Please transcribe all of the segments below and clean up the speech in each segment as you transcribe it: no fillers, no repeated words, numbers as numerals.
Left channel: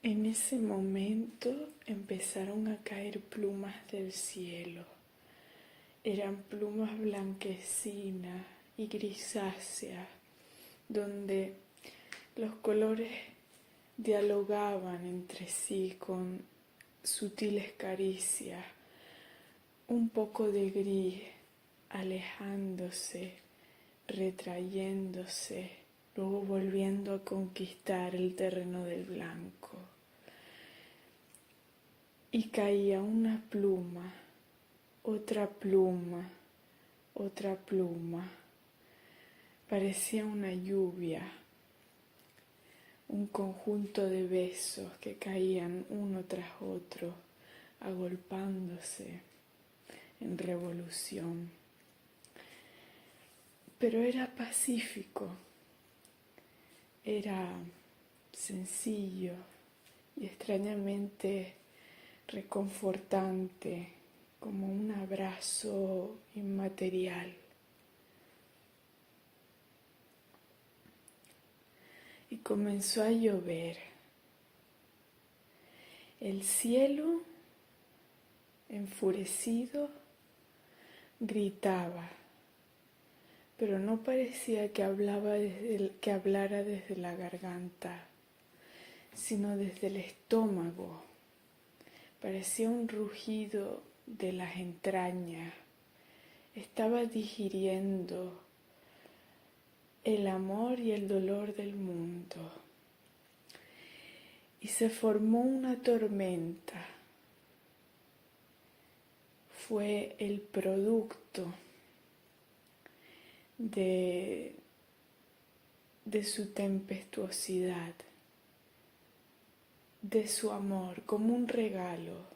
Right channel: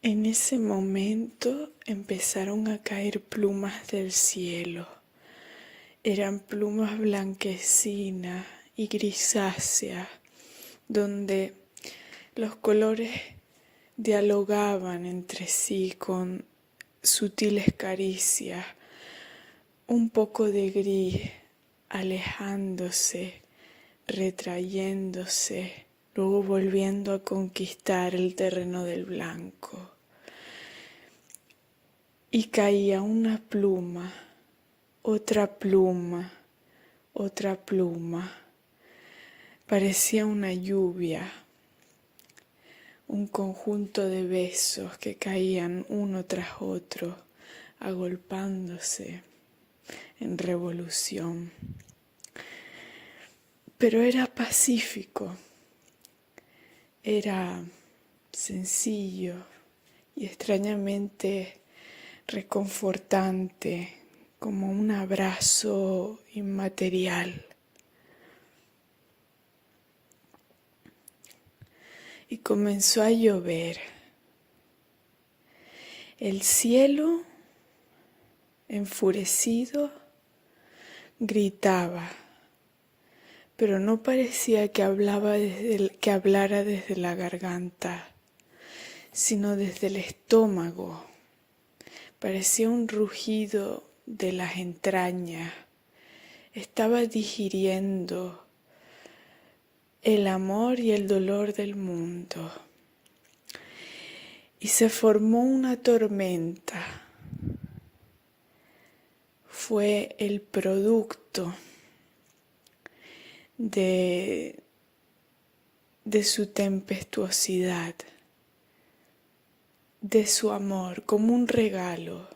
En ese momento empezaron a caer plumas del cielo. Eran plumas blanquecinas y grisáceas, donde los colores dialogaban entre sí con sutiles caricias, un poco de gris, alejándose, retrayéndose, luego volviendo a conquistar el terreno del blanco. Y caía una pluma, otra pluma, otra pluma. Parecía una lluvia, un conjunto de besos que caían uno tras otro, agolpándose en revolución. Pero era pacífico, era sencillo y extrañamente reconfortante, como un abrazo inmaterial. Y comenzó a llover. El cielo, enfurecido, gritaba, pero no parecía que hablara desde la garganta, sino desde el estómago. Parecía un rugido de las entrañas. Estaba digiriendo el amor y el dolor del mundo. Y se formó una tormenta. Fue el producto de su tempestuosidad, de su amor, como un regalo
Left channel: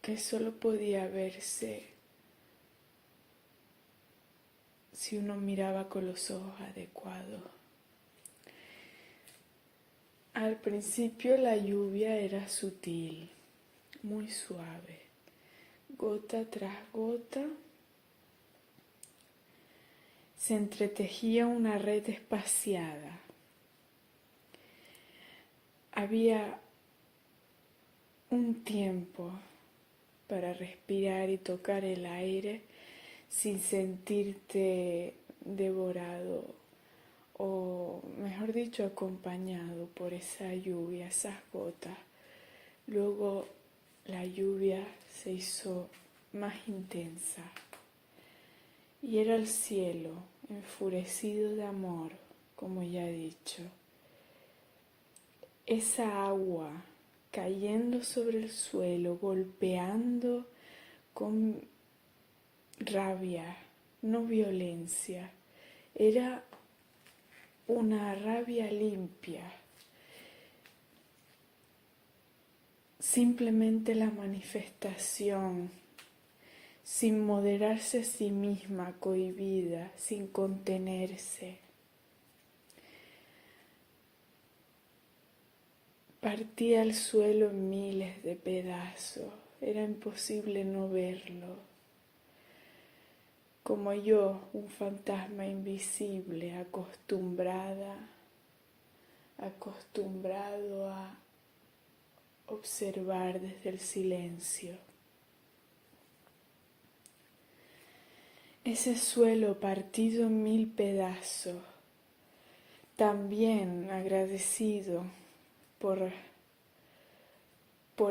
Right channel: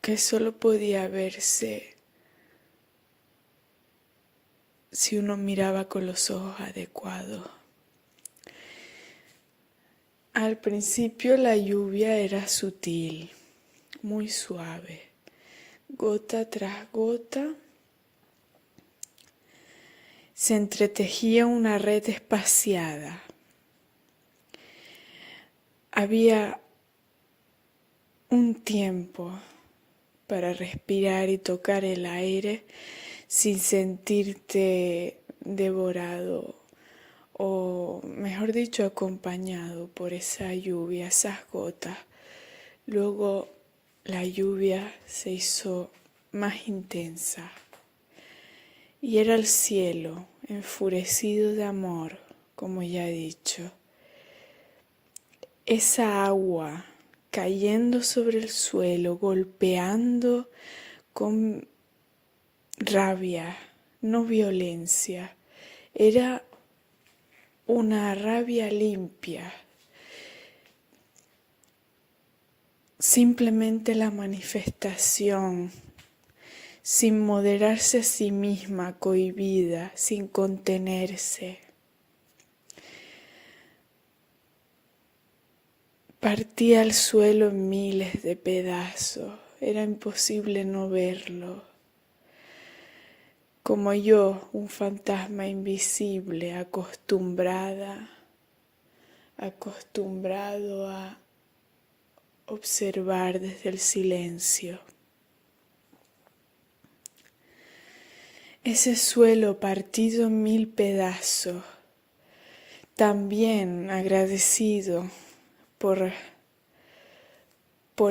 que solo podía verse si uno miraba con los ojos adecuados. Al principio la lluvia era sutil, muy suave, gota tras gota. Se entretejía una red espaciada. Había un tiempo para respirar y tocar el aire sin sentirte devorado o, mejor dicho, acompañado por esa lluvia, esas gotas. Luego la lluvia se hizo más intensa y era el cielo enfurecido de amor, como ya he dicho. Esa agua cayendo sobre el suelo, golpeando con rabia, no violencia. Era una rabia limpia, simplemente la manifestación, sin moderarse a sí misma, cohibida, sin contenerse. Partía el suelo en miles de pedazos, era imposible no verlo. Como yo, un fantasma invisible, acostumbrado a observar desde el silencio. Ese suelo partido en mil pedazos, también agradecido por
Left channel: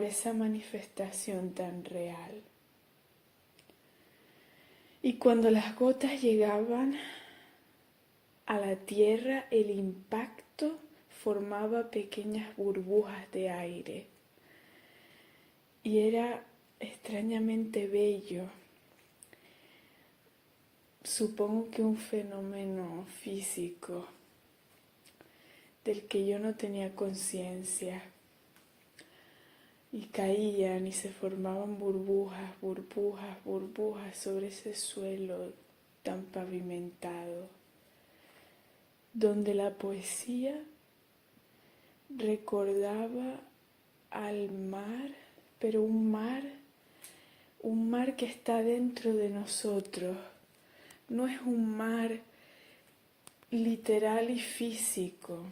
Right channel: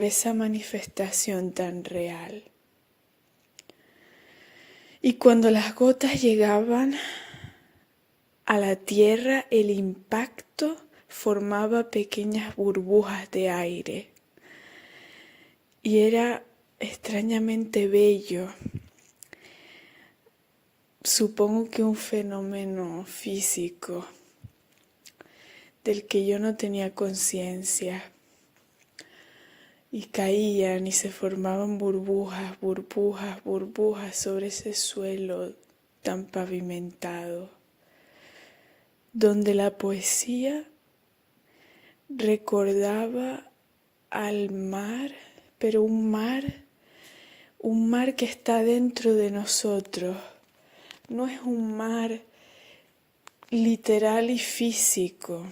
esa manifestación tan real. Y cuando las gotas llegaban a la tierra, el impacto formaba pequeñas burbujas de aire. Y era extrañamente bello. Supongo que un fenómeno físico del que yo no tenía conciencia. Y caían y se formaban burbujas, burbujas, burbujas sobre ese suelo tan pavimentado, donde la poesía recordaba al mar, pero un mar que está dentro de nosotros. No es un mar literal y físico.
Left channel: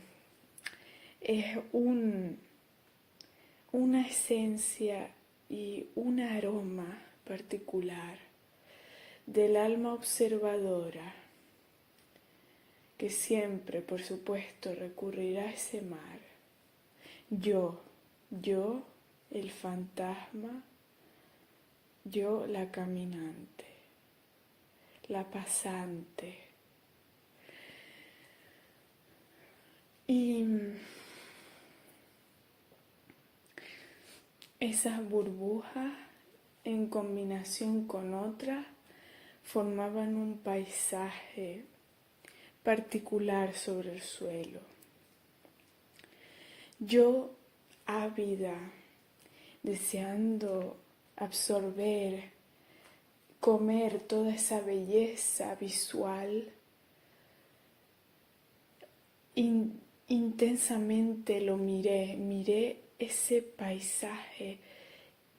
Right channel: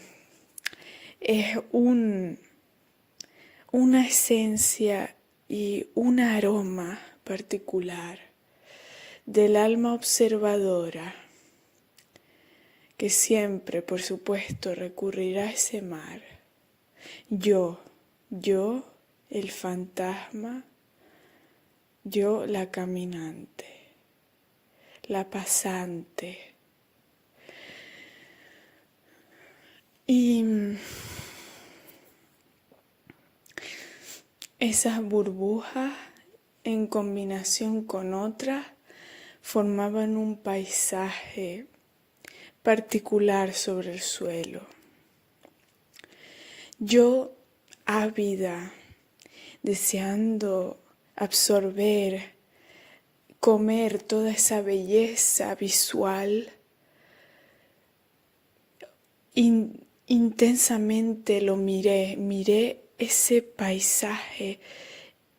Es una esencia y un aroma particular del alma observadora que siempre, por supuesto, recurrirá a ese mar. Yo, el fantasma, yo, la caminante, la pasante. Y esas burbujas, en combinación con otras, formaban un paisaje particular sobre el suelo. Yo, ávida, deseando absorber, comer toda esa belleza visual, intensamente lo miré ese paisaje,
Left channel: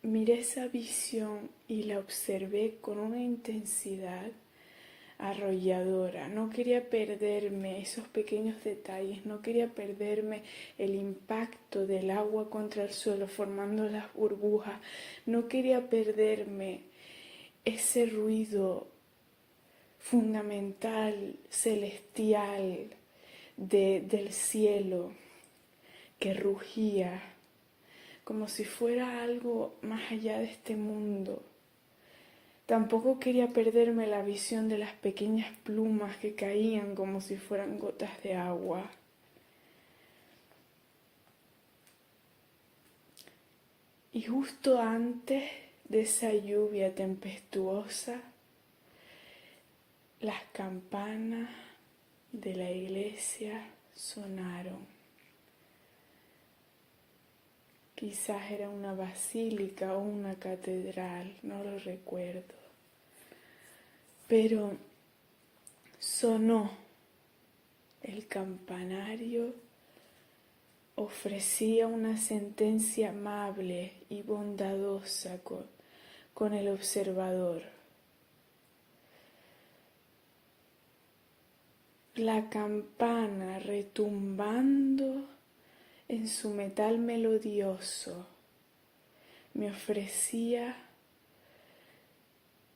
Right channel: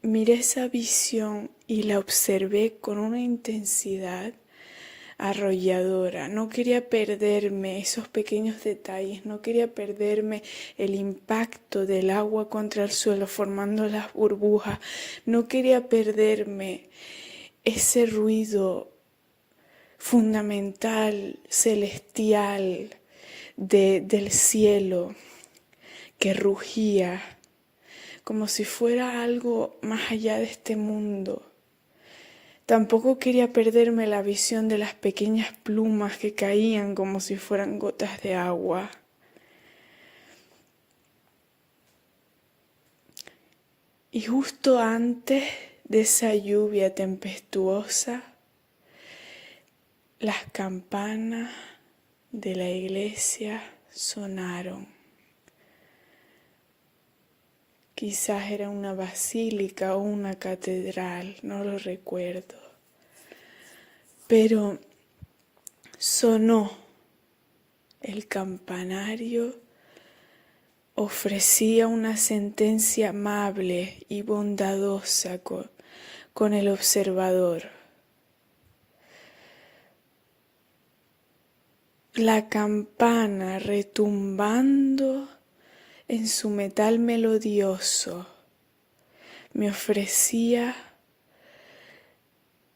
miré esa visión y la observé con una intensidad arrolladora. No quería perderme esos pequeños detalles, no quería perderme el impacto del agua contra el suelo formando las burbujas, no quería perderme ese ruido fundamental, celestial del cielo que rugía como si fuera algo más allá de este mundo. Tampoco quería perderme la visión de las pequeñas plumas que caían como si fueran gotas de agua. Y justo antes de esa lluvia tempestuosa, las campanas de la iglesia sonaron. Quizás era una basílica o una catedral, no lo recuerdo. Pero sonó el campanario, ofrecía una sentencia amable y bondadosa con el observador. La campana retumbando en su metal melodioso me ofrecía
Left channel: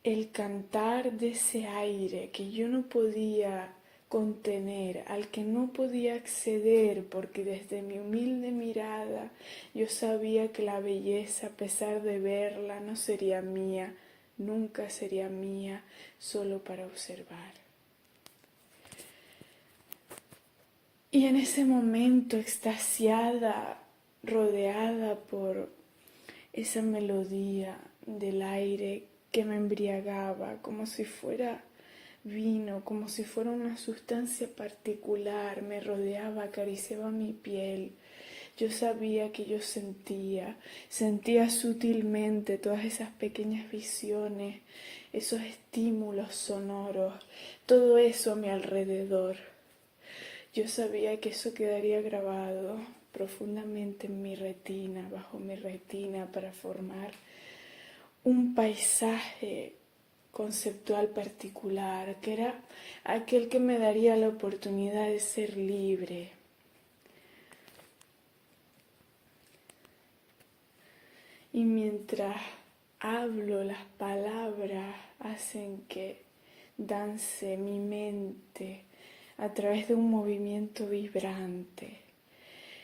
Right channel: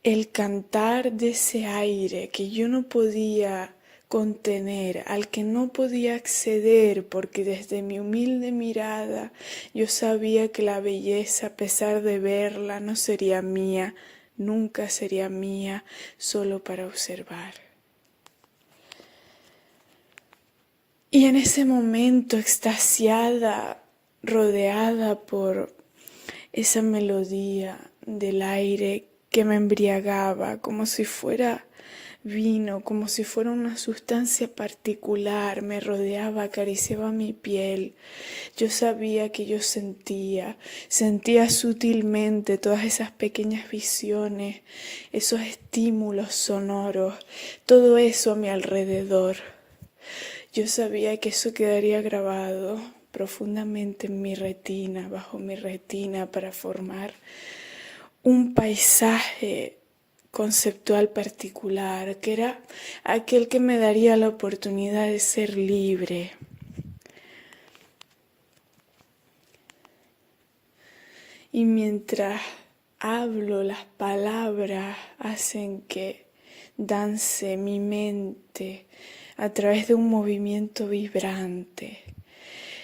el cantar de ese aire que yo no podía contener, al que no podía acceder, porque desde mi humilde mirada yo sabía que la belleza, a pesar de verla, no sería mía, nunca sería mía, solo para observar. Y en ese momento, extasiada, rodeada por esa melodía del aire que me embriagaba, como si fuera vino, como si fuera una sustancia particular, me rodeaba, acariciaba mi piel. Yo sabía que yo sentía sutilmente todas esas pequeñas visiones, esos estímulos sonoros, todo eso a mi alrededor. Yo sabía que eso quedaría grabado profundamente en mi retina, bajo mi retina, para formar un paisaje conceptual particular, que era aquel que me daría la oportunidad de ser libre. Y mientras hablo, las palabras hacen que dance mi mente a través de un movimiento vibrante.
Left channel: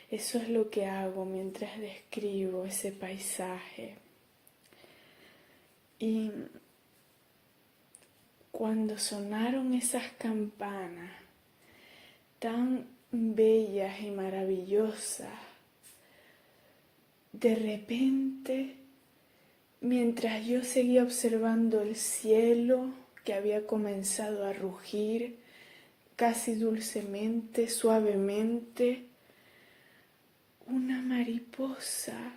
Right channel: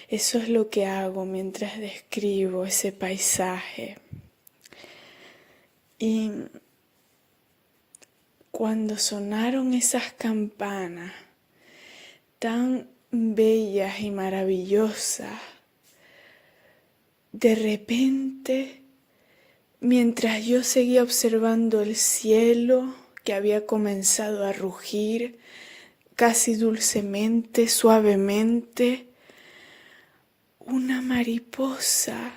Eso es lo que hago mientras describo ese paisaje. Y cuando sonaron esas campanas tan bellas y maravillosas, de repente, mientras yo seguía observando el cielo que había comenzado a rugir, casi dulcemente, suavemente, una mariposa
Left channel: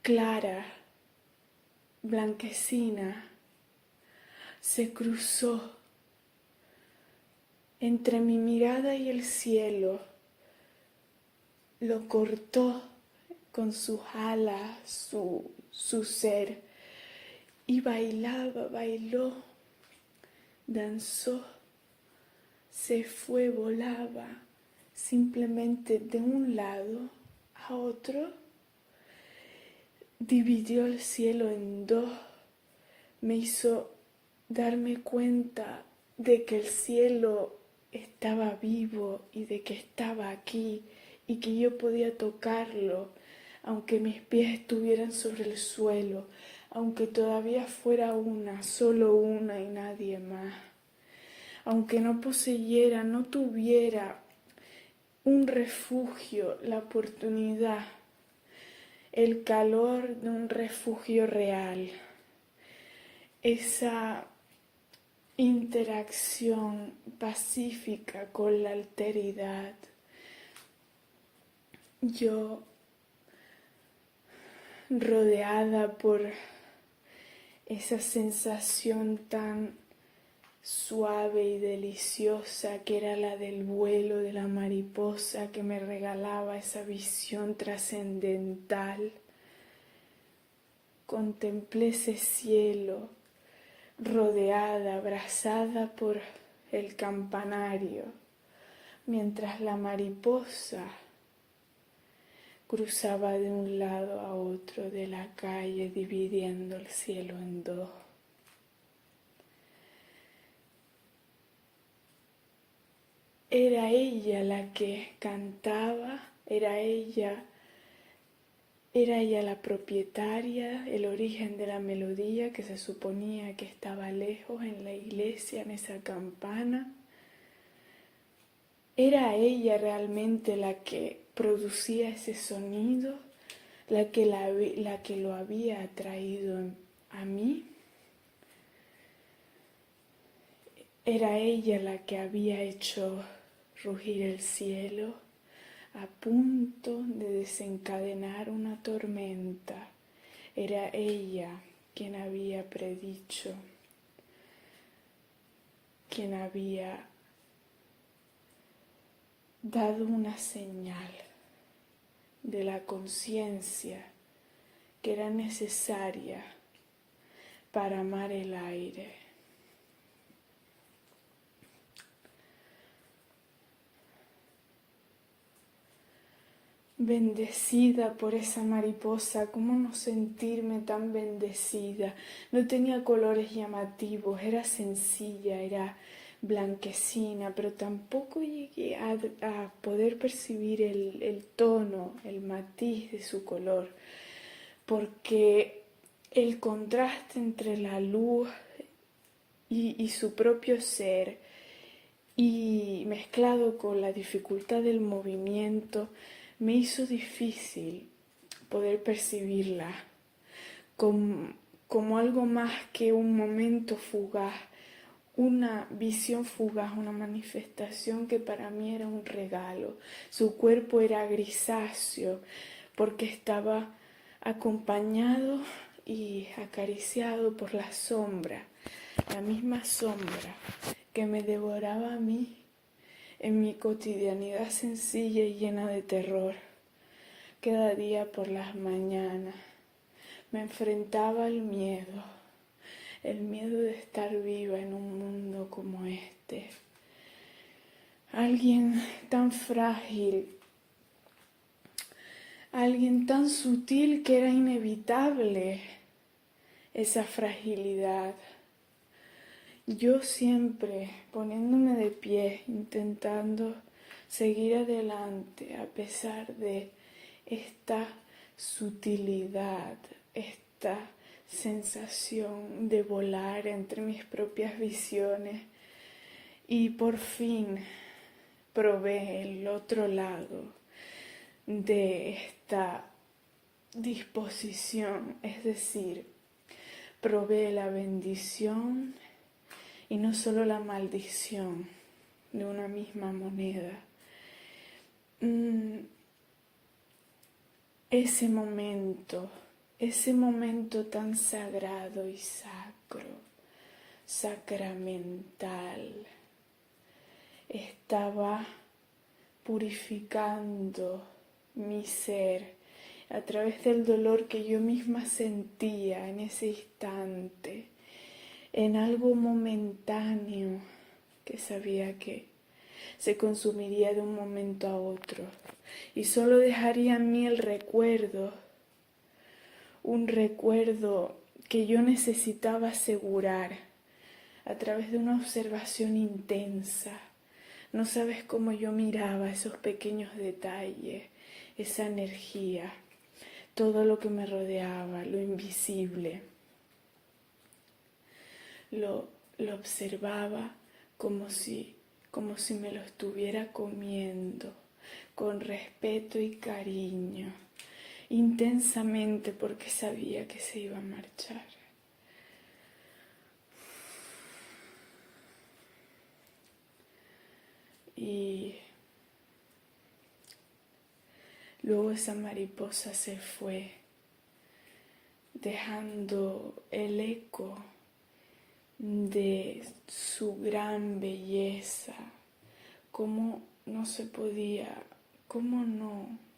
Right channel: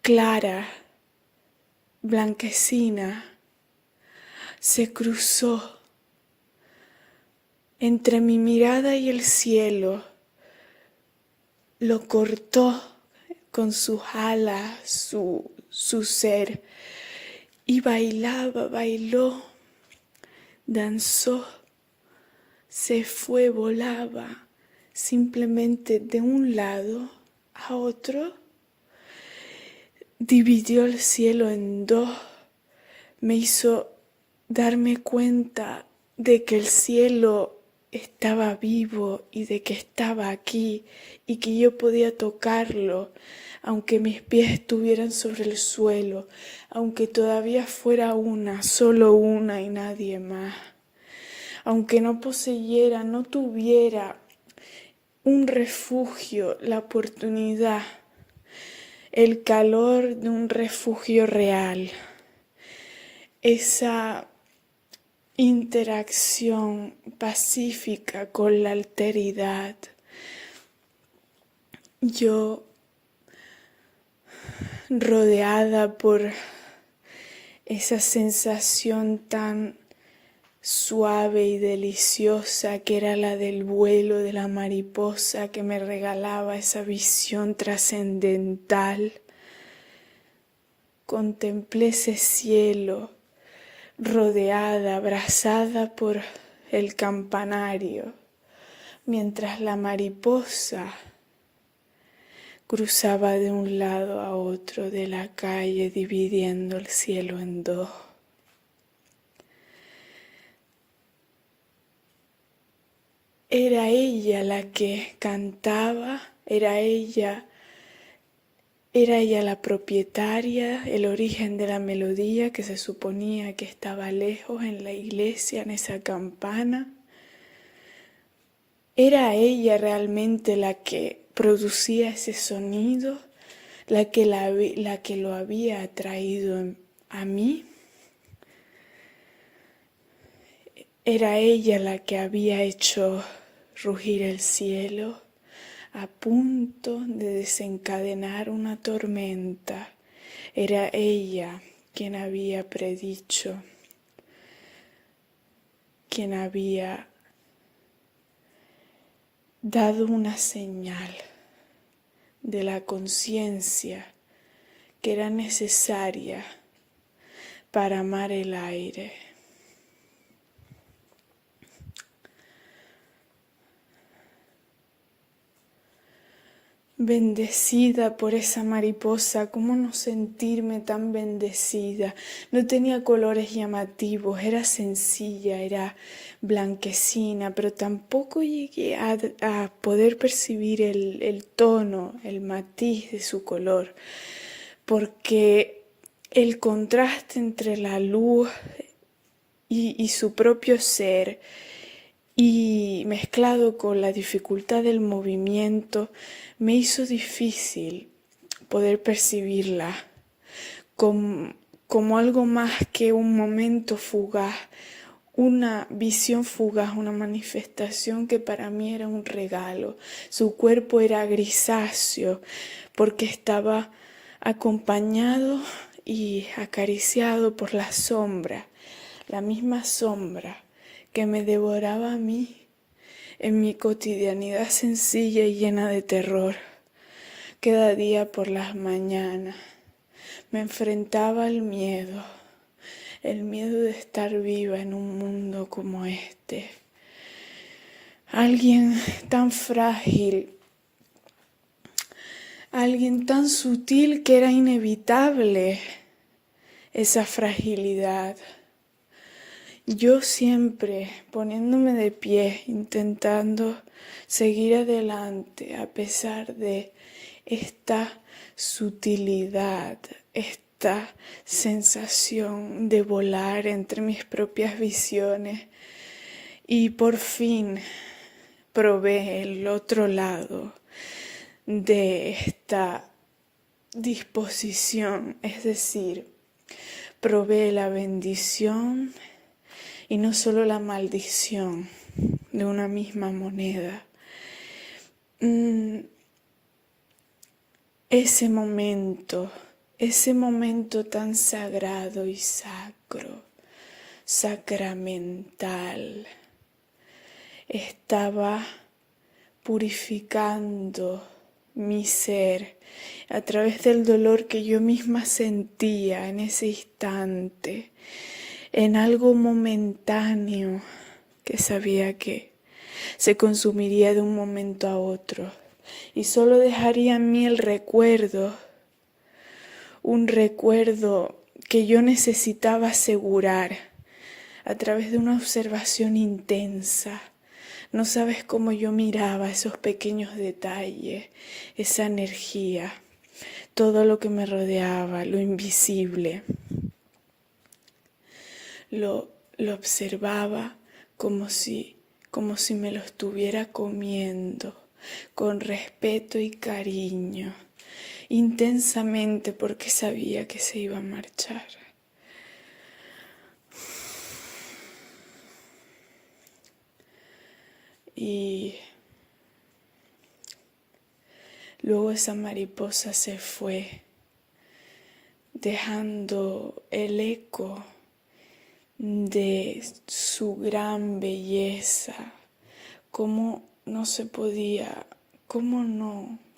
clara, blanquecina, se cruzó entre mi mirada y el cielo, lo cortó con sus alas, su ser, y bailó danzó, se fue, volaba, simplemente de un lado a otro, dividió el cielo en dos, me hizo darme cuenta de que el cielo estaba vivo y de que estaba aquí y que yo podía tocarlo, aunque mis pies estuvieran sobre el suelo, aunque todavía fuera una, solo una y nadie más, aunque no poseyera, no tuviera un refugio, la oportunidad, el calor de un refugio real, esa interacción pacífica con la alteridad. Yo, rodeada por esa sensación tan suave y deliciosa que era la del vuelo de la mariposa que me regalaba esa visión trascendental, contemplé ese cielo rodeada, abrazada por el campanario, mientras la mariposa cruzaba de un lado a otro de la calle, dividiendo el cielo en dos. Era ella la que cantaba, era ella la propietaria, el origen de la melodía que se suponía que estaba lejos en la iglesia, en esa campana. Era ella realmente la que producía ese sonido, la que lo había atraído a mí. Era ella la que había hecho rugir el cielo a punto de desencadenar una tormenta. Era ella quien había predicho, quien había dado una señal de la conciencia que era necesaria para amar el aire. Bendecida por esa mariposa, ¿cómo no sentirme tan bendecida? No tenía colores llamativos, era sencilla, era blanquecina, pero tampoco llegué a poder percibir el tono, el matiz de su color, porque el contraste entre la luz y su propio ser, y mezclado con la dificultad del movimiento, me hizo difícil poder percibirla como algo más que un momento fugaz, una visión fugaz, una manifestación que para mí era un regalo. Su cuerpo era grisáceo porque estaba acompañado y acariciado por la sombra, la misma sombra que me devoraba a mí en mi cotidianidad sencilla y llena de terror. Cada día por las mañanas me enfrentaba al miedo, el miedo de estar viva en un mundo como este. Alguien tan frágil, alguien tan sutil que era inevitable esa fragilidad. Yo siempre poniéndome de pie, intentando seguir adelante a pesar de esta sutilidad, esta sensación de volar entre mis propias visiones. Y por fin probé el otro lado de esta disposición, es decir, probé la bendición y no solo la maldición de una misma moneda. Ese momento tan sagrado y sacro, sacramental, estaba purificando mi ser a través del dolor que yo misma sentía en ese instante. en algo momentáneo que sabía que se consumiría de un momento a otro y solo dejaría en mí el recuerdo, un recuerdo que yo necesitaba asegurar a través de una observación intensa. No sabes cómo yo miraba esos pequeños detalles, esa energía, todo lo que me rodeaba, lo invisible. Lo observaba como si me lo estuviera comiendo, con respeto y cariño, intensamente porque sabía que se iba a marchar. Y luego esa mariposa se fue, dejando el eco de su gran belleza, cómo no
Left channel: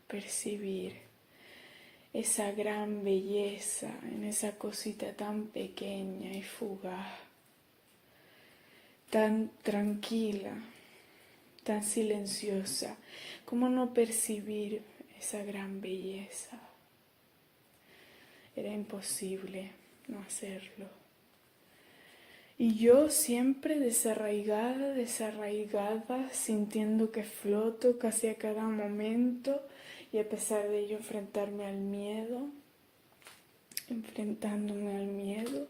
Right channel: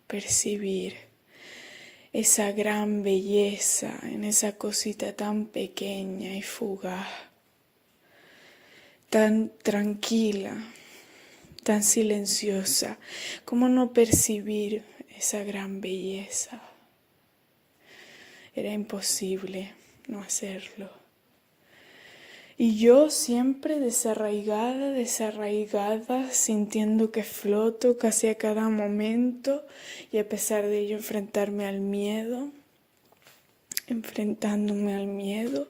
percibir esa gran belleza en esa cosita tan pequeña y fugaz, tan tranquila, tan silenciosa, cómo no percibir esa gran belleza. Era imposible no hacerlo. Y yo siempre desarraigada, sintiendo que floto casi a cada momento y a pesar de ello enfrentándome al miedo.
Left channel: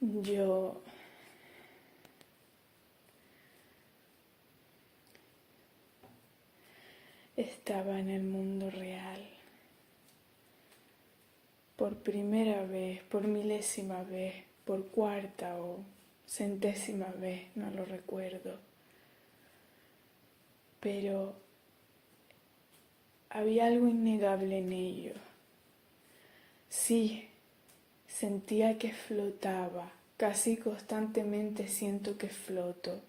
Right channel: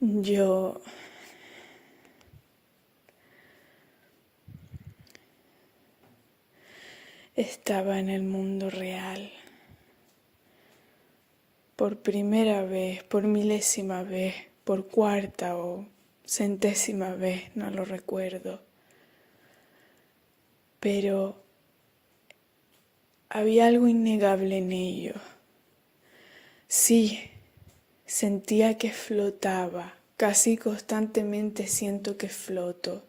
Yo estaba en el mundo real. Por primera vez, por milésima vez, por cuarta o centésima vez, no lo recuerdo. Pero había algo innegable en ello. Sí, sentía que flotaba, casi constantemente siento que floto,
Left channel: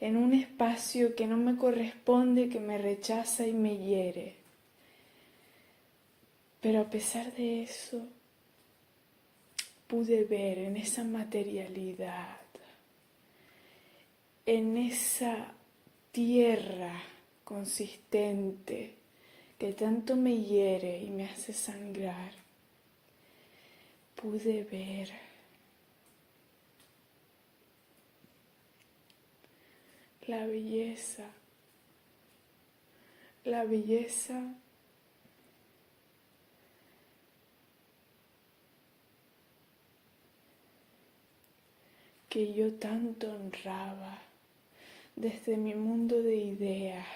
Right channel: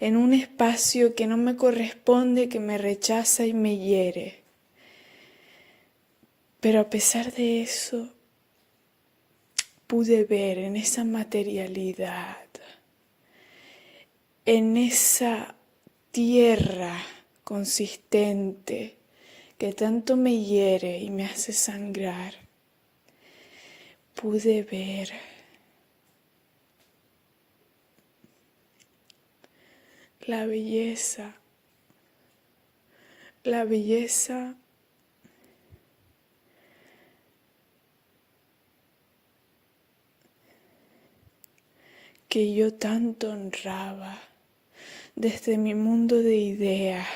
en un espacio que no me corresponde, que me rechaza y me hiere. Pero a pesar de eso, pude ver en esa materialidad, en esa tierra consistente que tanto me hiere y me hace sangrar, pude ver la belleza que yo tanto honraba desde mi mundo de ideas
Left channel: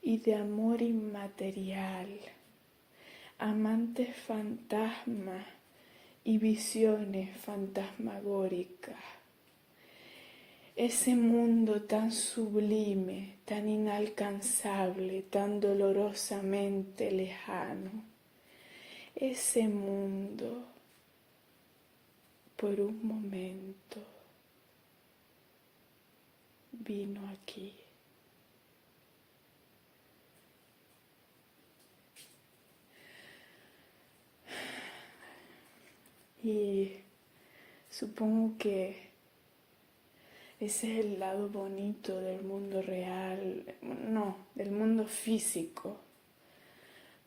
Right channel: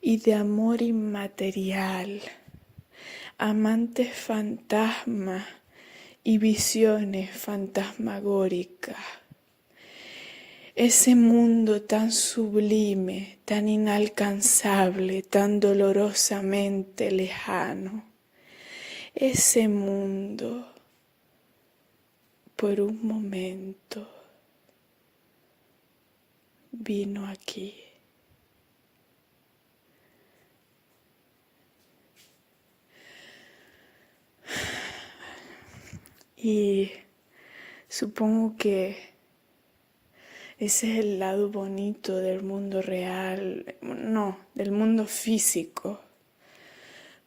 y de amor inmaterial, amantes fantasmas y visiones fantasmagóricas. Ese mundo tan sublime, tan inalcanzable, tan dolorosamente lejano. Ese mundo, por un momento, vino aquí. Y supongo que ese es el lado bonito del mundo real, no, del mundo físico,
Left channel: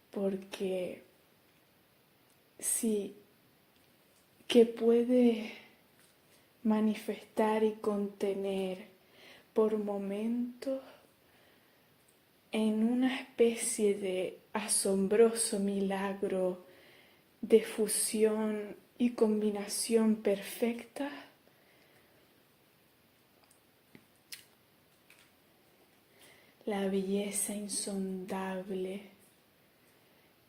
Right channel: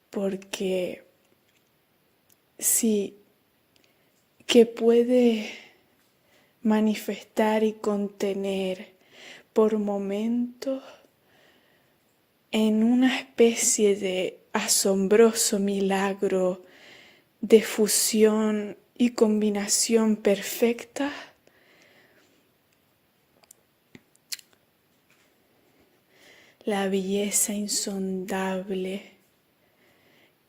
porque sí, que puede manifestar y contener por momentos en una especie de asombroso milagro de fusión y combinación perfecta, la belleza insondable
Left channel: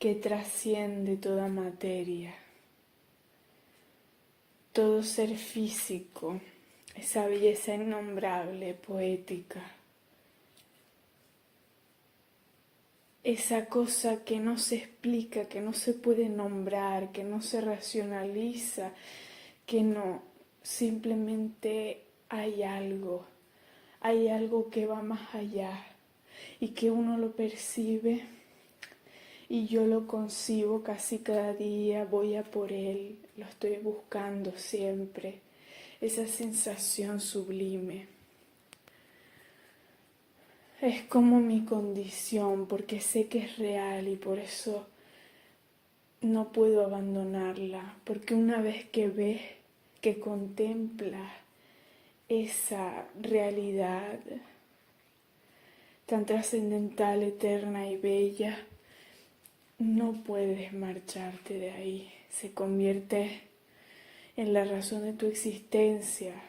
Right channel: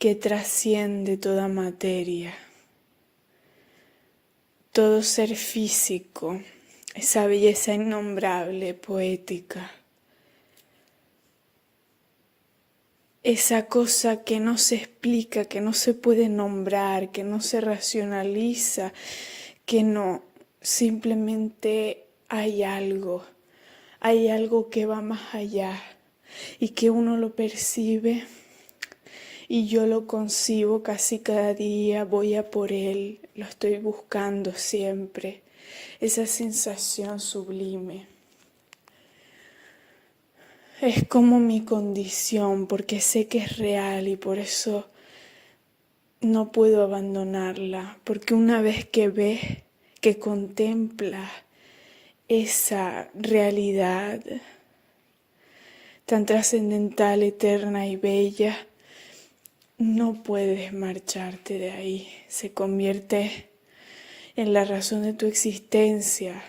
que trasciende toda materia, todo ser físico, esa belleza innombrable, poética, esa cosa que no se explica, que no se puede nombrar, que no se racionaliza, que no, simplemente hay algo que va más allá y que uno lo percibe y yo lo concibo casi cada día, voy a por él, lo estoy buscando siempre, esa sensación sublime. Es como mi condición, porque sé que es real y por eso no puedo abandonarla, porque una vez que ves, que contemplas esa realidad tan trascendental, eterna y bella, no puedes marcharte de ahí. Se convierte en la razón de tu existencia,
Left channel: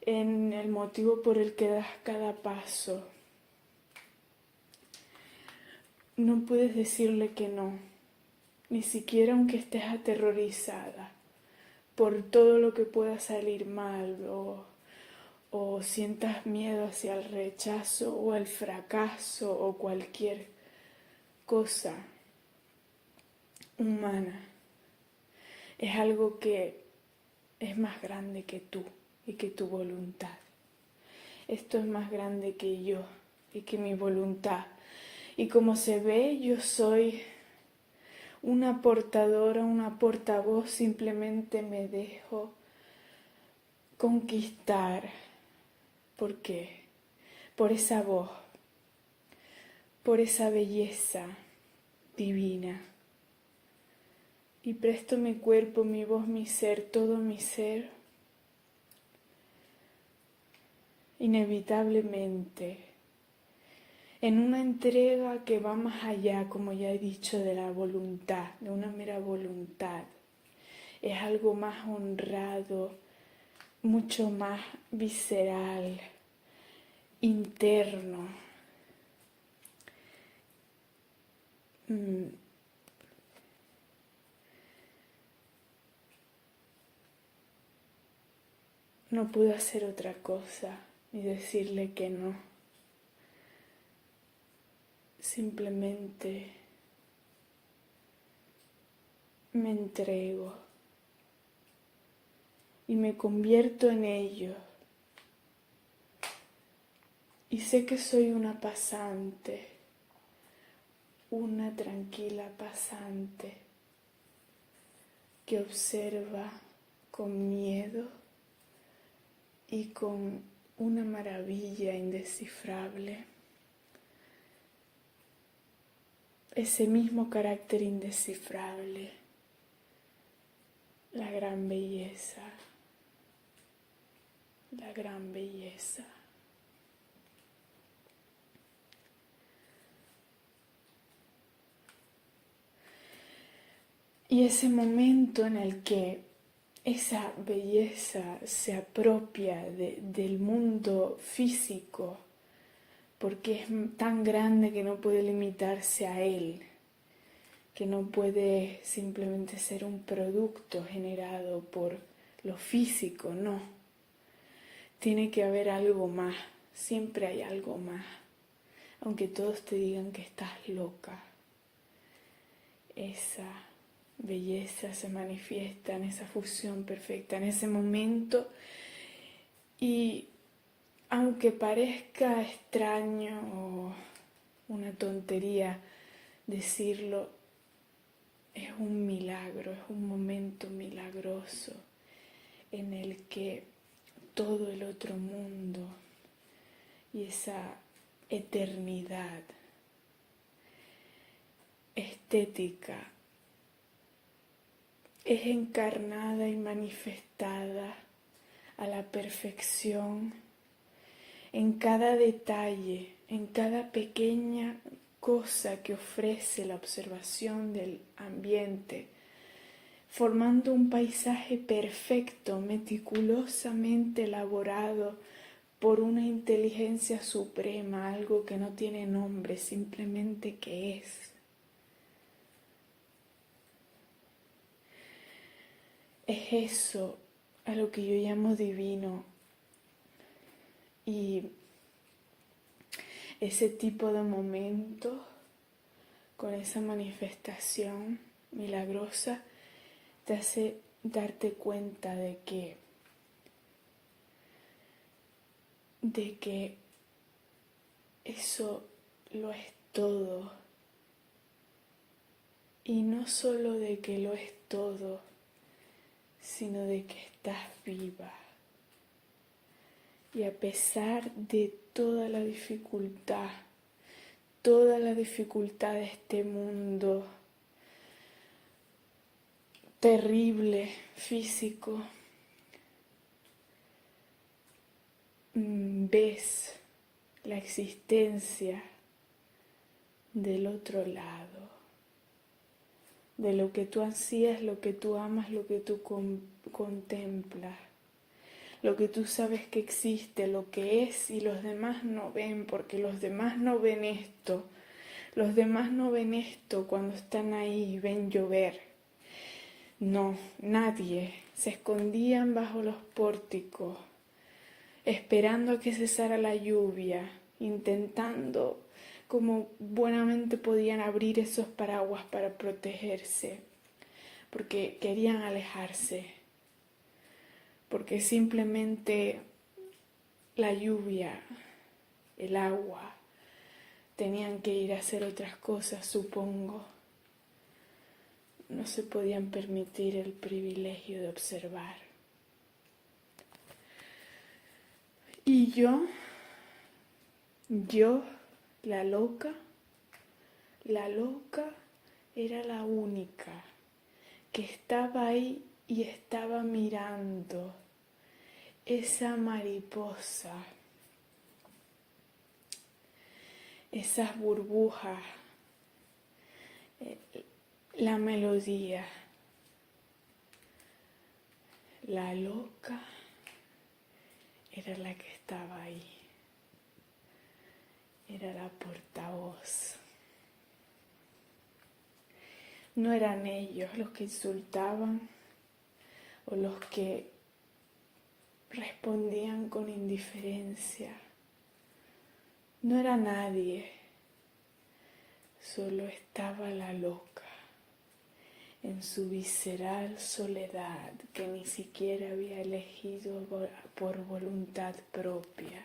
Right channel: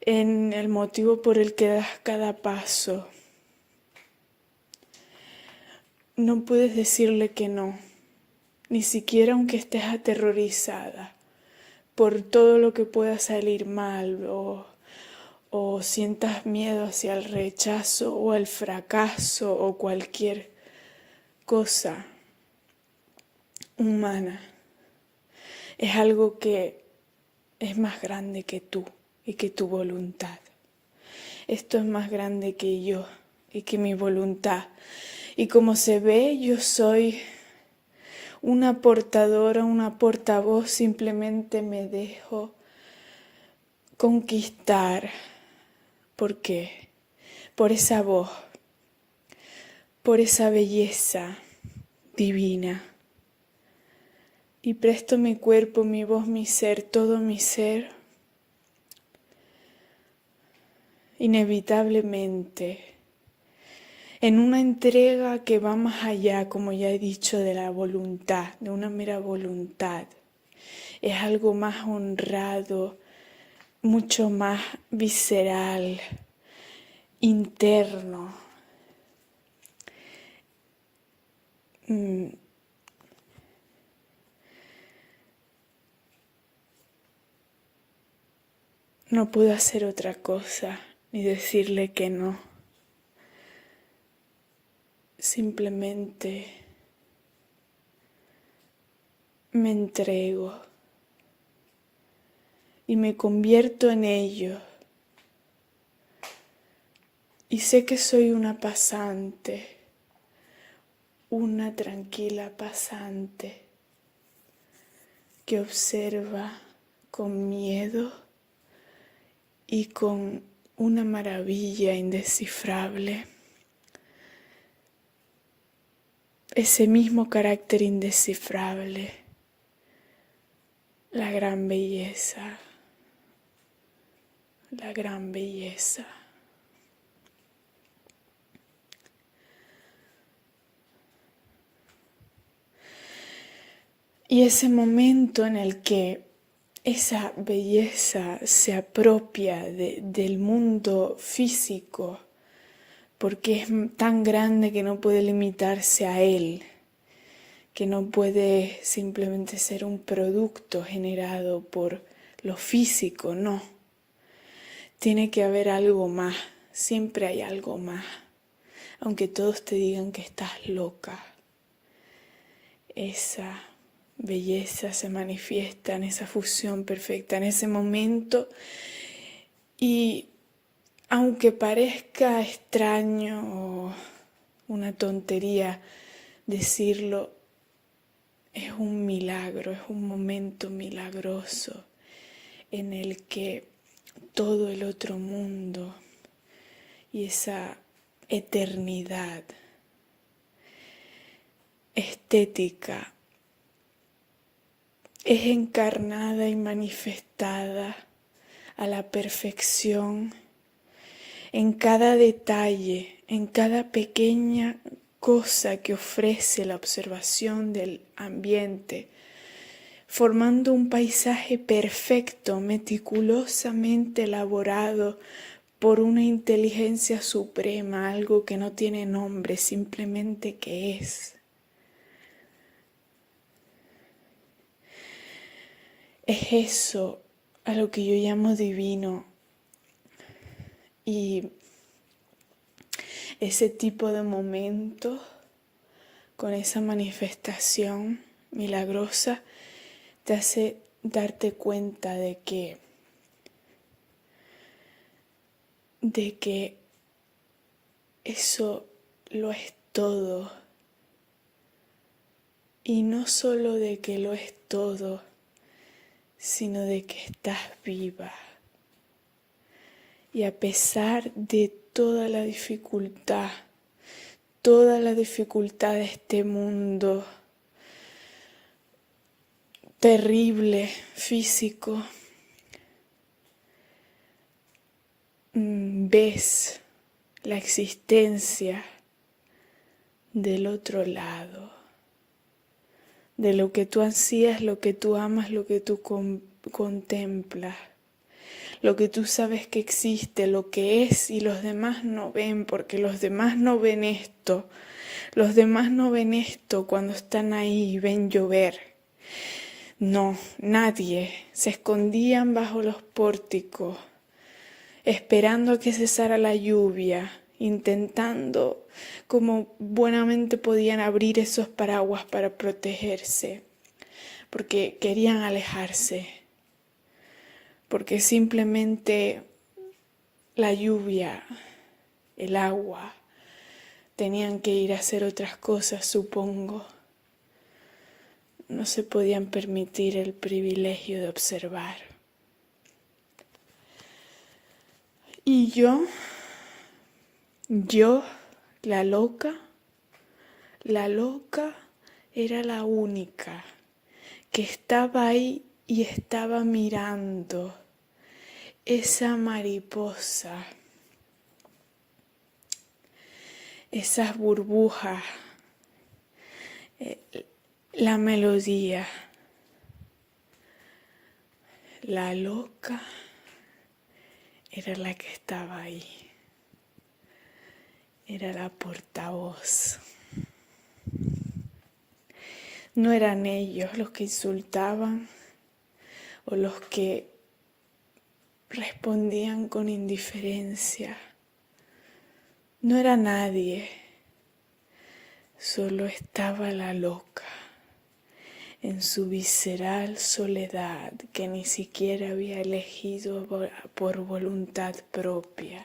en el motivo por el que das cada paso. No puedes decirle que no, ni siquiera aunque estés aterrorizada por todo lo que pueda salir mal o sientas miedo hacia el rechazo o el fracaso o cualquier cosa humana. Es algo que es más grande que tú y que tu voluntad. Esto es más grande que yo y que mi voluntad. Y como se ve, yo soy una portadora, una portavoz, simplemente me dejo conquistar. ¿Por qué? Por esa voz, por esa belleza divina. Y presto mi cuerpo, mi voz, mi ser, todo mi ser, inevitablemente, en una entrega que va más allá, como ya he dicho, de la voluntad, de una mera voluntad. Es algo más honrado, mucho más visceral, interno. No puedo hacer otra cosa ni decirle que no. Simplemente me entrego y me convierto en ello. Y sé que soy una pasante, una tranquila pasante que observa con miedo y con una maravilla indescifrable ese mismo carácter indescifrable, la gran belleza, la gran belleza. Y ese momento en el que esa belleza se apropia del mundo físico, porque es tan grande que no puede limitarse a él, que no puede simplemente ser un producto generado por lo físico, no. Tiene que haber algo más, siempre hay algo más, aunque todos te digan que estás loca. Esa belleza se manifiesta en esa fusión perfecta, en ese momento, y aunque parezca extraño o una tontería decirlo, es un milagro, es un momento milagroso en el que todo el otro mundo y esa eternidad estética es encarnada y manifestada a la perfección en cada detalle, en cada pequeña cosa que ofrece la observación del ambiente, formando un paisaje perfecto, meticulosamente elaborado por una inteligencia suprema, algo que no tiene nombre, simplemente que es. Es eso a lo que yo llamo divino, y ese tipo de momento con esa manifestación milagrosa te hace darte cuenta de que eso lo es todo Y no solo de que lo es todo, sino de que estás viva. Y a pesar de toda la dificultad de este mundo terrible, físico, ves la existencia del otro lado, de lo que tú ansías, lo que tú amas, lo que tú contemplas, lo que tú sabes que existe, lo que es y los demás no ven, porque los demás no ven esto. Los demás no ven esto cuando están ahí y ven llover. No, nadie. Se escondían bajo los pórticos, esperando a que cesara la lluvia, intentando como buenamente podían abrir esos paraguas para protegerse, porque querían alejarse, porque simplemente la lluvia, el agua, tenían que ir a hacer otras cosas, supongo. No se podían permitir el privilegio de observar. Y yo, la loca era la única que estaba ahí y estaba mirando esa mariposa, esas burbujas, la melodía. La loca era la que estaba ahí, era la portavoz. No eran ellos los que insultaban o los que respondían con indiferencia. No era nadie, solo estaba la loca en su visceral soledad que ni siquiera había elegido por voluntad propia.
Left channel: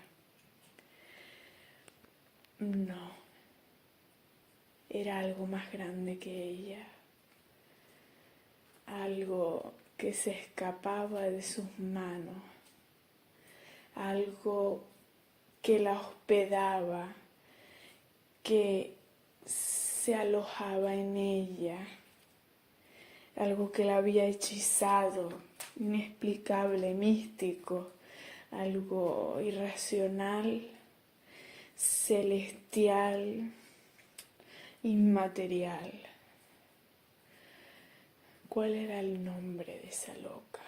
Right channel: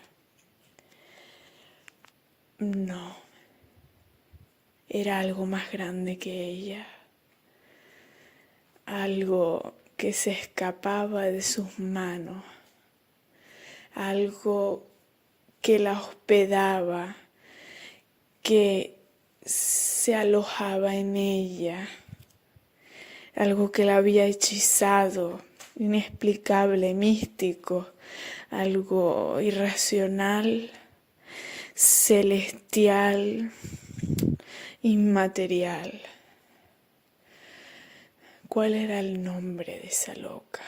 No, era algo más grande que ella, algo que se escapaba de sus manos, algo que la hospedaba, que se alojaba en ella, algo que la había hechizado, inexplicable, místico, algo irracional, celestial, inmaterial. ¿Cuál era el nombre de esa loca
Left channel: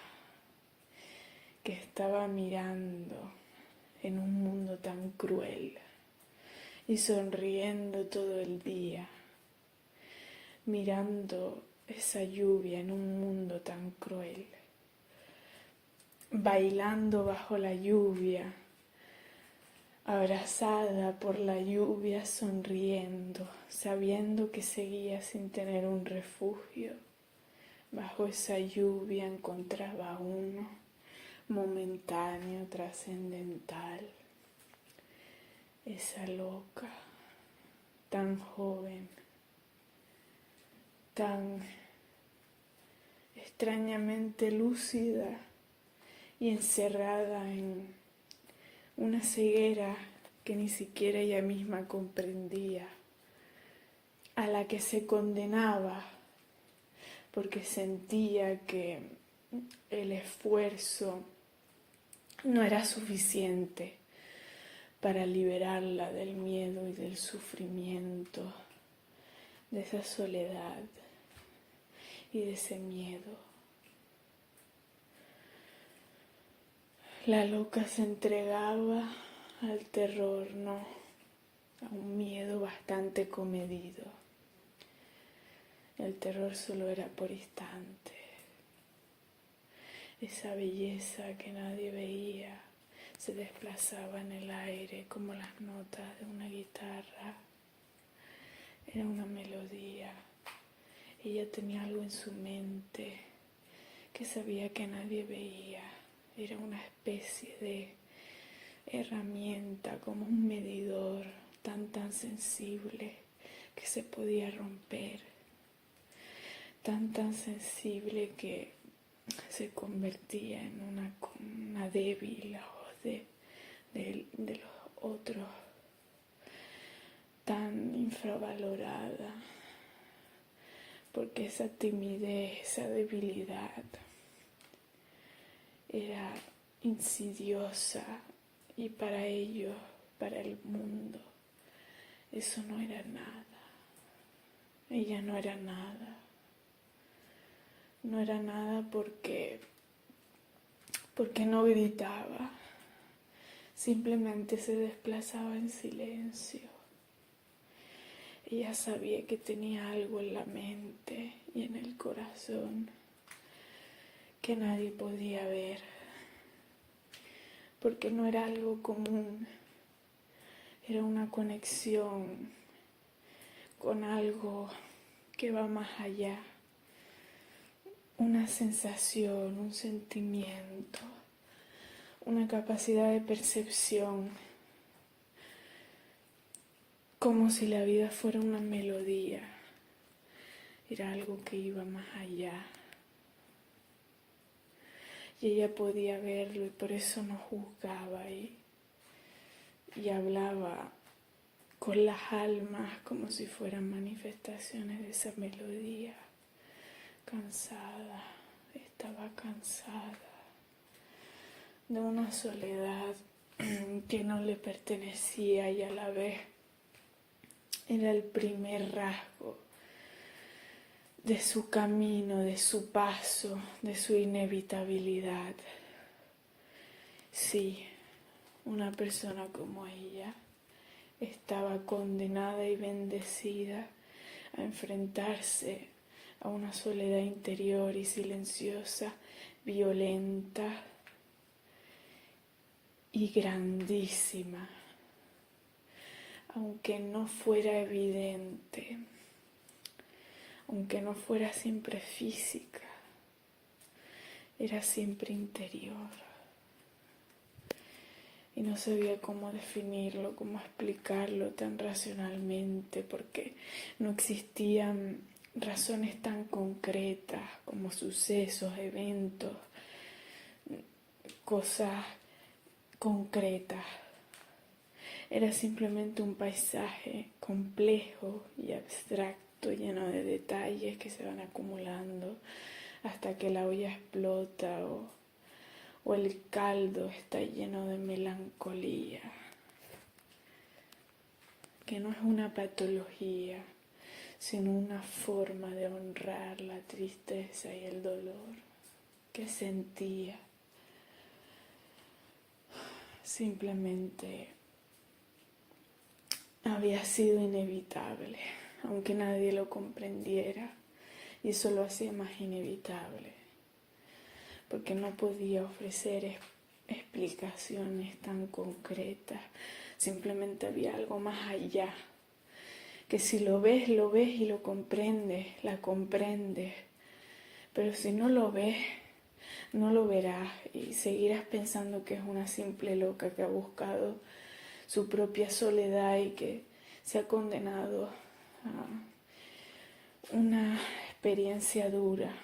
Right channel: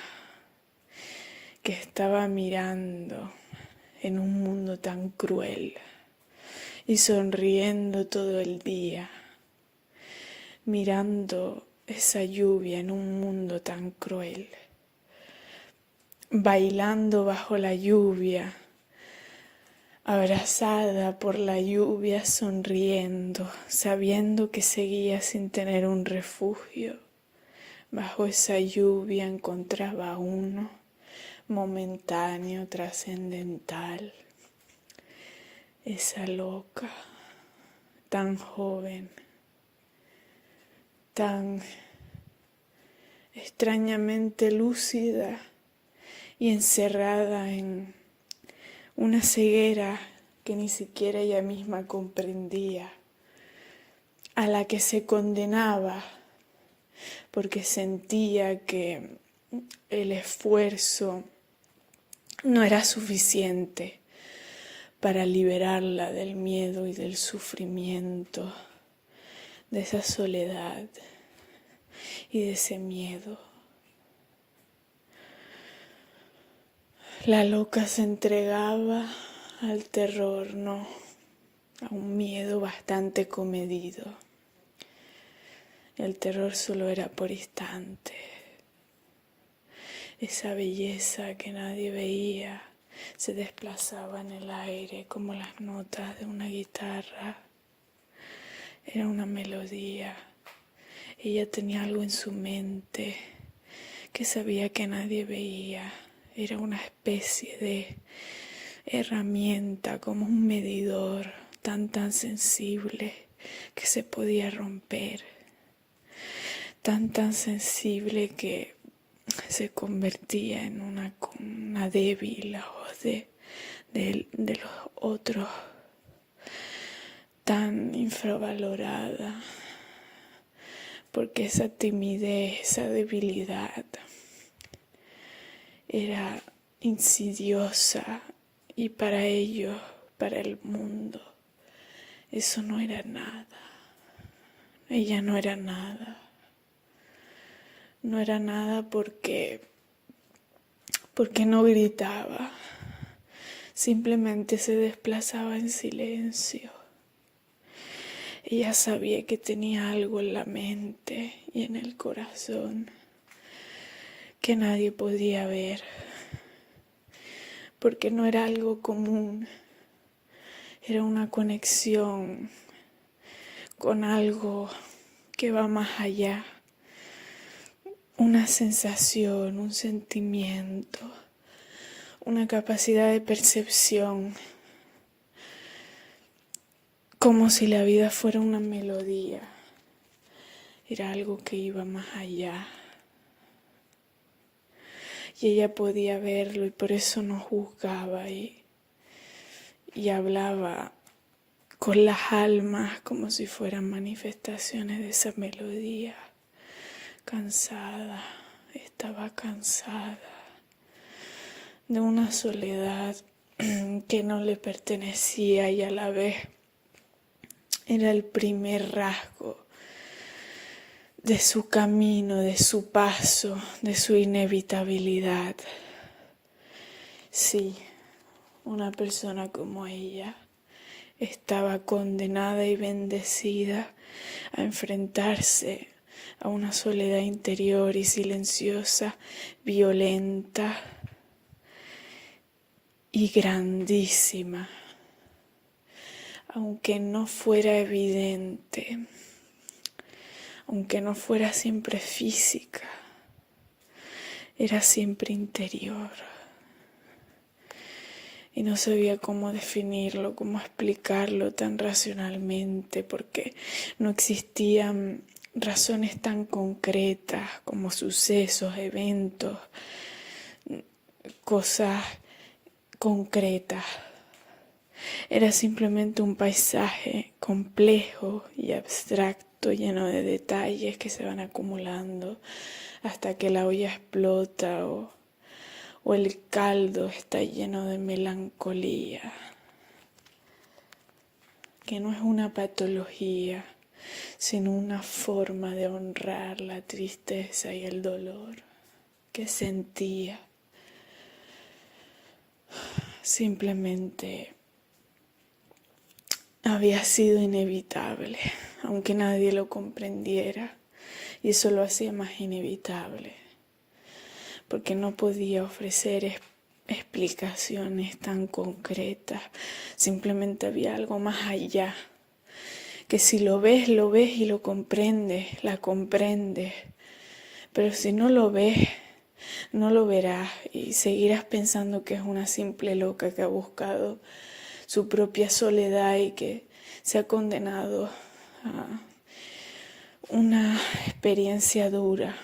que estaba mirando en un mundo tan cruel y sonriendo todo el día, mirando esa lluvia en un mundo tan cruel, bailando bajo la lluvia, abrazada por la lluvia, sonriendo, sabiendo que seguía sin tener un refugio? Bajo esa lluvia encontraba uno momentáneo, trascendental. Esa loca, tan joven, tan extrañamente lúcida y encerrada en una ceguera que ni siquiera ella misma comprendía, a la que se condenaba porque sentía que el esfuerzo no era suficiente para liberarla del miedo y del sufrimiento, de esa soledad y de ese miedo. La loca se entregaba al terror, no, a un miedo bastante comedido. El terror solo era por instante. Esa belleza que nadie veía se desplazaba en el aire como las notas de una guitarra. Era una melodía. Ella tenía algo en su mente que sabía que nadie veía. Era una especie de herramienta, como un medidor tan sensible que se podía romper. tan sensible que se convertía en una débil, la voz de los otros, tan infravalorada, porque esa timidez, esa debilidad era insidiosa y para ellos, para el mundo, eso no era nada. Ella no era nada. No era nada porque no gritaba, simplemente se desplazaba en silencio. Ella sabía que tenía algo en la mente y en el corazón que nadie podía ver, porque no era algo común, era una conexión con algo que va más allá, una sensación, un sentimiento, una capacidad de percepción, como si la vida fuera una melodía, era algo que iba más allá. Y ella podía verlo y por eso no juzgaba y hablaba con las almas como si fueran manifestaciones de esa melodía. Cansada, estaba cansada de una soledad que no le pertenecía y a la vez era el primer rasgo de su camino, de su paso, de su inevitabilidad. Sí, una persona como ella estaba condenada y bendecida a enfrentarse a una soledad interior y silenciosa, violenta y grandísima, aunque no fuera evidente, aunque no fuera siempre física, era siempre interior. Y no sabía cómo definirlo, cómo explicarlo tan racionalmente, porque no existían razones tan concretas como sucesos, eventos, cosas concretas. Era simplemente un paisaje complejo y abstracto, lleno de detalles que se van acumulando hasta que la olla explota o el caldo está lleno de melancolía, que no es una patología, sino una forma de honrar la tristeza y el dolor que sentía. Simplemente había sido inevitable, aunque nadie lo comprendiera, y eso lo hacía más inevitable, porque no podía ofrecer explicaciones tan concretas, simplemente había algo más allá, que si lo ves y lo comprendes, la comprendes, pero si no lo ves, no lo verás y seguirás pensando que es una simple loca que ha buscado su propia soledad y que se ha condenado a una experiencia dura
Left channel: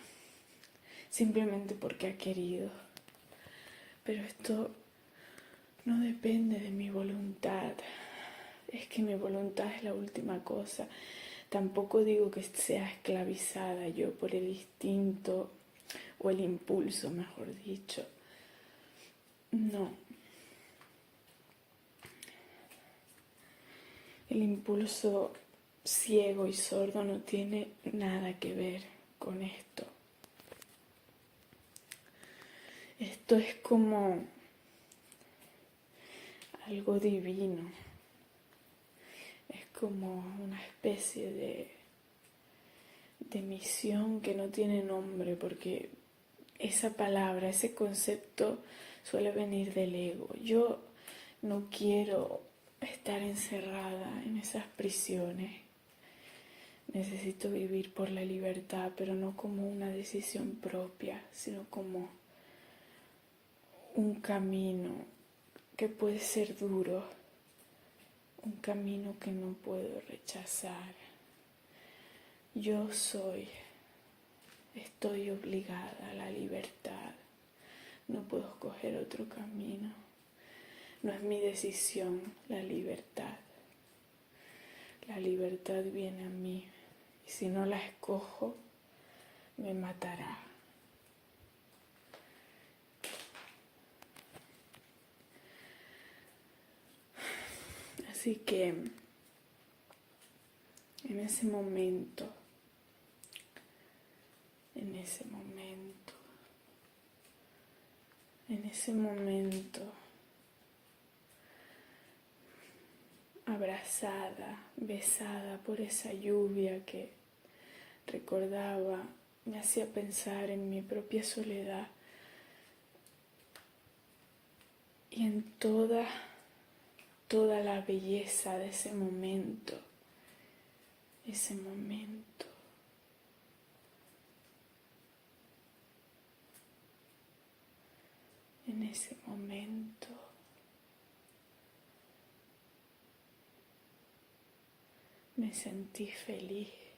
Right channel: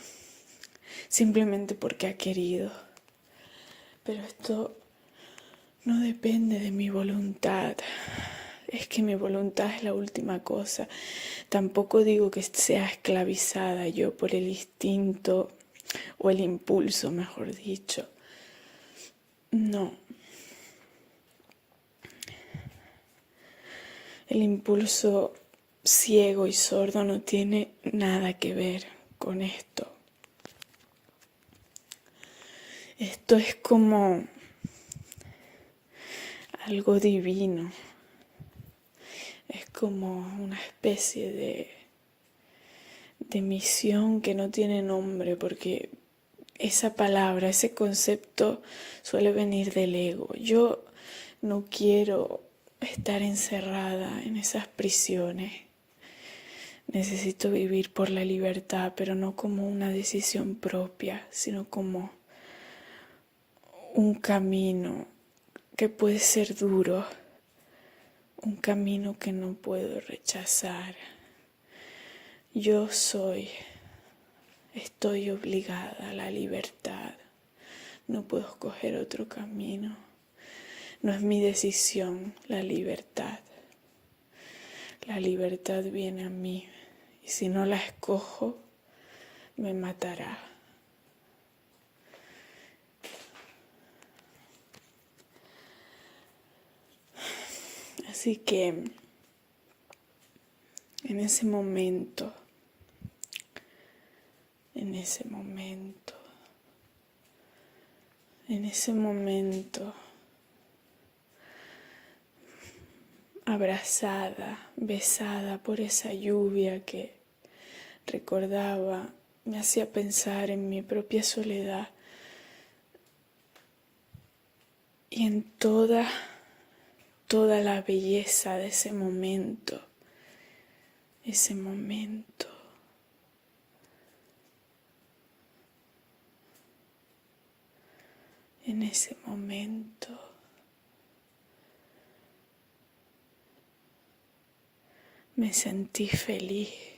simplemente porque ha querido. Pero esto no depende de mi voluntad. Es que mi voluntad es la última cosa. Tampoco digo que sea esclavizada yo por el instinto o el impulso, mejor dicho. No. El impulso ciego y sordo no tiene nada que ver con esto. Esto es como algo divino. Es como una especie de misión que no tiene nombre, porque esa palabra, ese concepto suele venir del ego. Yo no quiero estar encerrada en esas prisiones. Necesito vivir por la libertad, pero no como una decisión propia, sino como un camino que puede ser duro, un camino que no puedo rechazar. Yo soy Estoy obligada a la libertad. No puedo escoger otro camino. No es mi decisión la libertad. La libertad viene a mí y si no la escojo, me matará. Así que en ese momento, abrazada, besada por esa lluvia que recordaba, me hacía pensar en mi propia soledad y en toda la belleza de ese momento. En ese momento me sentí feliz.